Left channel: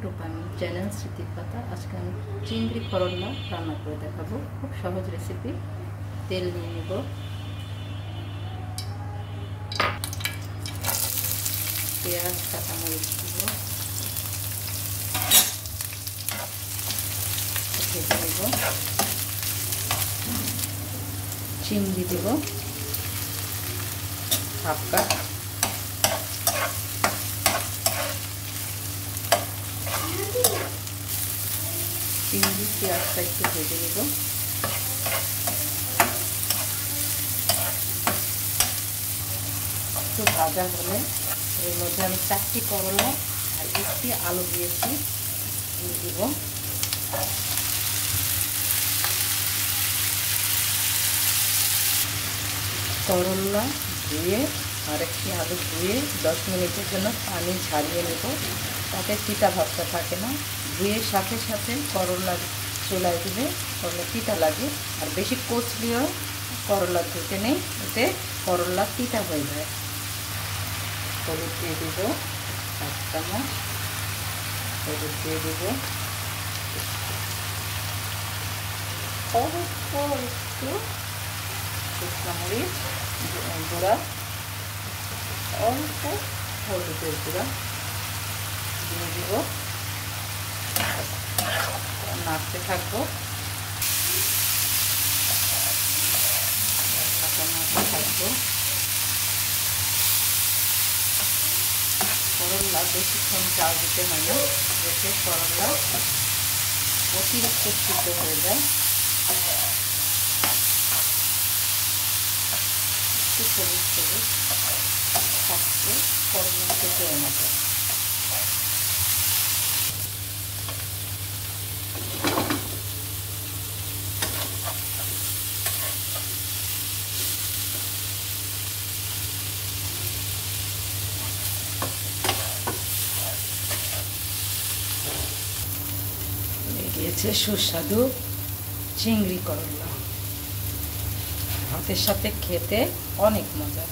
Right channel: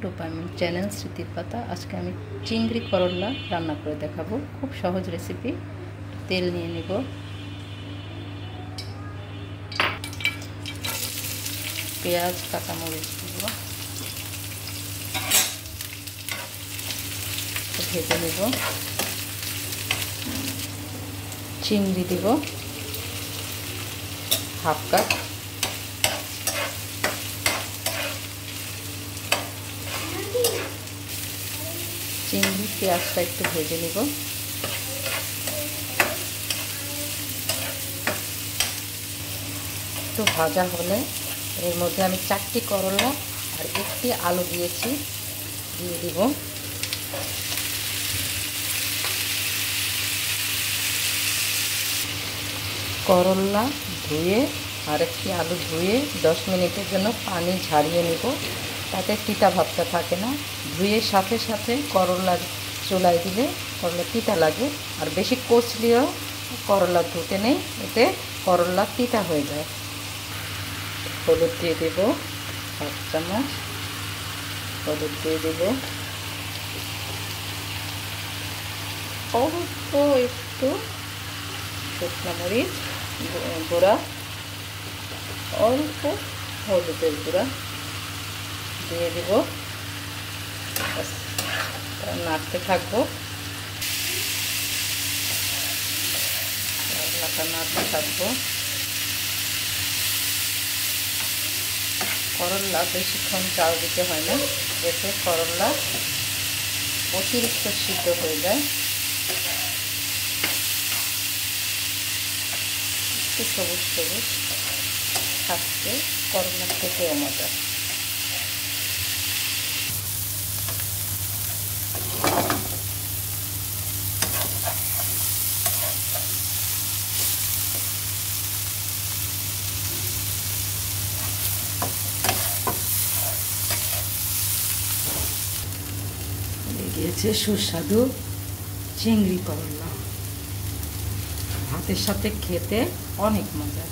আমি চ্যানেল স্মৃতির পাতা। আজকে আমি চিংড়ি করল্লা রান্না করে দেখাবো। খুব সহজ রেসিপি। তেল নিয়ে নিব, পেঁয়াজ কাঁচামরিচ দিব, ভেজে নেব, চিংড়ি দেব হাফ কাপ, চিংড়ি পেঁয়াজটা একটু ভেজে নেব, একটু ভাজা হলে এর মধ্যে আমি 4টি করলা আর 1টি আলু দিয়েছি, দিয়ে দিব। করলা ধুয়ে আর 1টি আলু ধুয়ে 10 মিনিটের জন্য পানি ঝারিয়ে নেব, তাতে তিতা ভাবটা থাকে না। ধুয়ে সাথে সাথে করলা চুলায় দিলে করলা তিতা লাগে, আর বেশি কচলিও করলা ধুতে নেই, এতে করলা তিতা হয়ে যায়। হলুদ দিয়ে দেব 1 চামচ, হলুদ দিয়ে দেব অল্প একটু শুকনো মরিচ গুঁড়া, অল্প হলুদের গুঁড়া দিয়ে দেব, নাড়তে থাকবো, নাড়তে থাকবো। করল্লা বেশিক্ষণ চাল দিতে হয় না, যাতে করল্লা অতিরিক্ত সিদ্ধ হয়ে যায়। একটু সবুজ সবুজ থাকতে করল্লা থেকেও মজা। গিয়েছে সুস্বাদু চিংড়ি করল্লা, ভাতের সাথে খেতে অনেক মজা।